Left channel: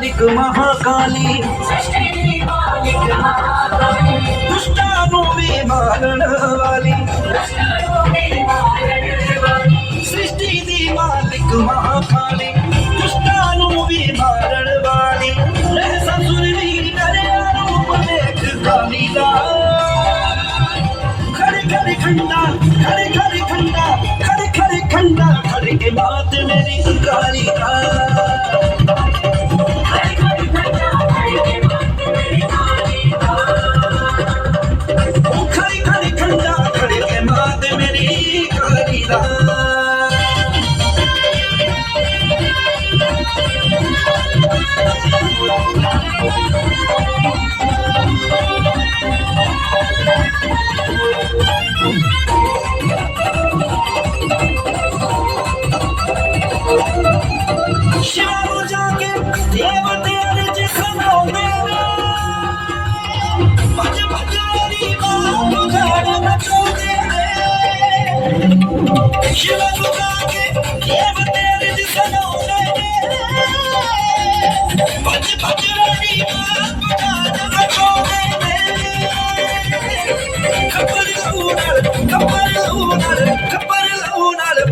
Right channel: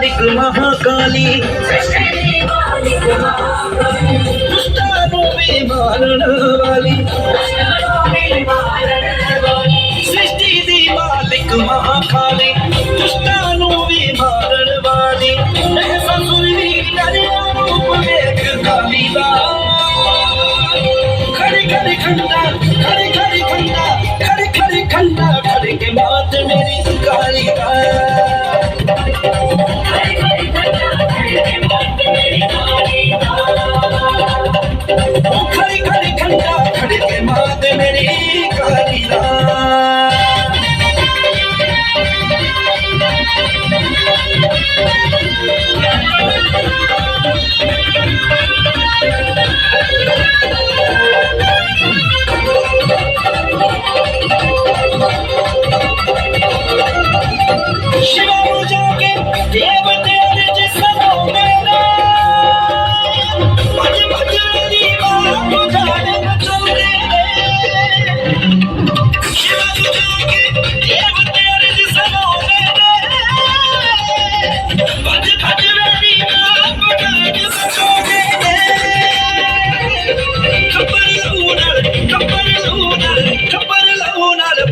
मालिक महाकाली दुष्टानु भी मारण वाली सृष्टि दी मालिक महाकाली दुष्टानु भी मारण वाली ऐसा सुरवीर करे रूप वेख काली दा खड़े खड़े खंडा खड़े खड़े खंडा खड़े खड़े खंडा खड़े के बात मेरी काली दा शिवा जाके देवते अर्ज सुनो मेरे भज भज मेरी बात जाने बचो दे शिवा जाके देवते अर्ज सुनो मेरे भज भज मेरी बात जाने बचो दे खबर लूनर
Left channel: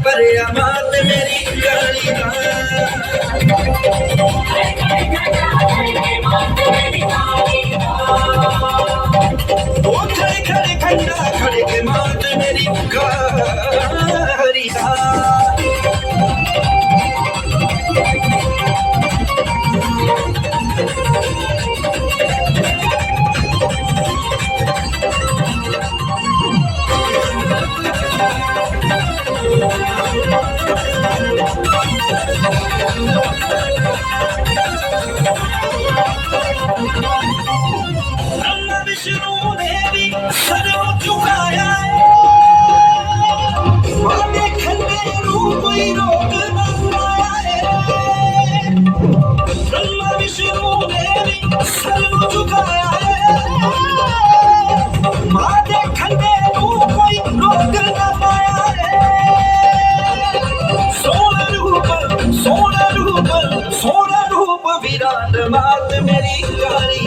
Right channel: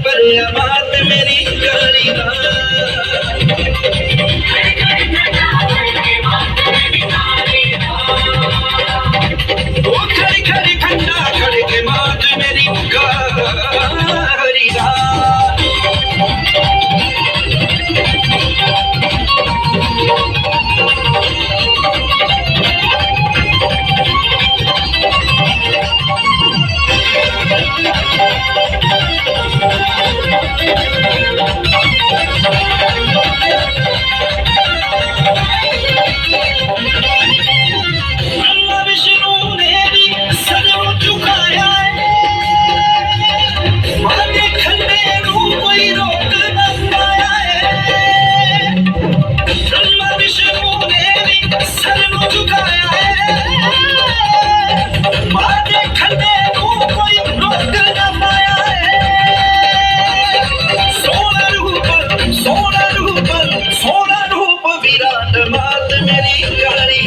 पर अमात मेरी गाड़ी ना खड़े खड़े खंडा खड़े के मात मेरी गाड़ी ना सोना रूप विराट मात मेरी गाड़ी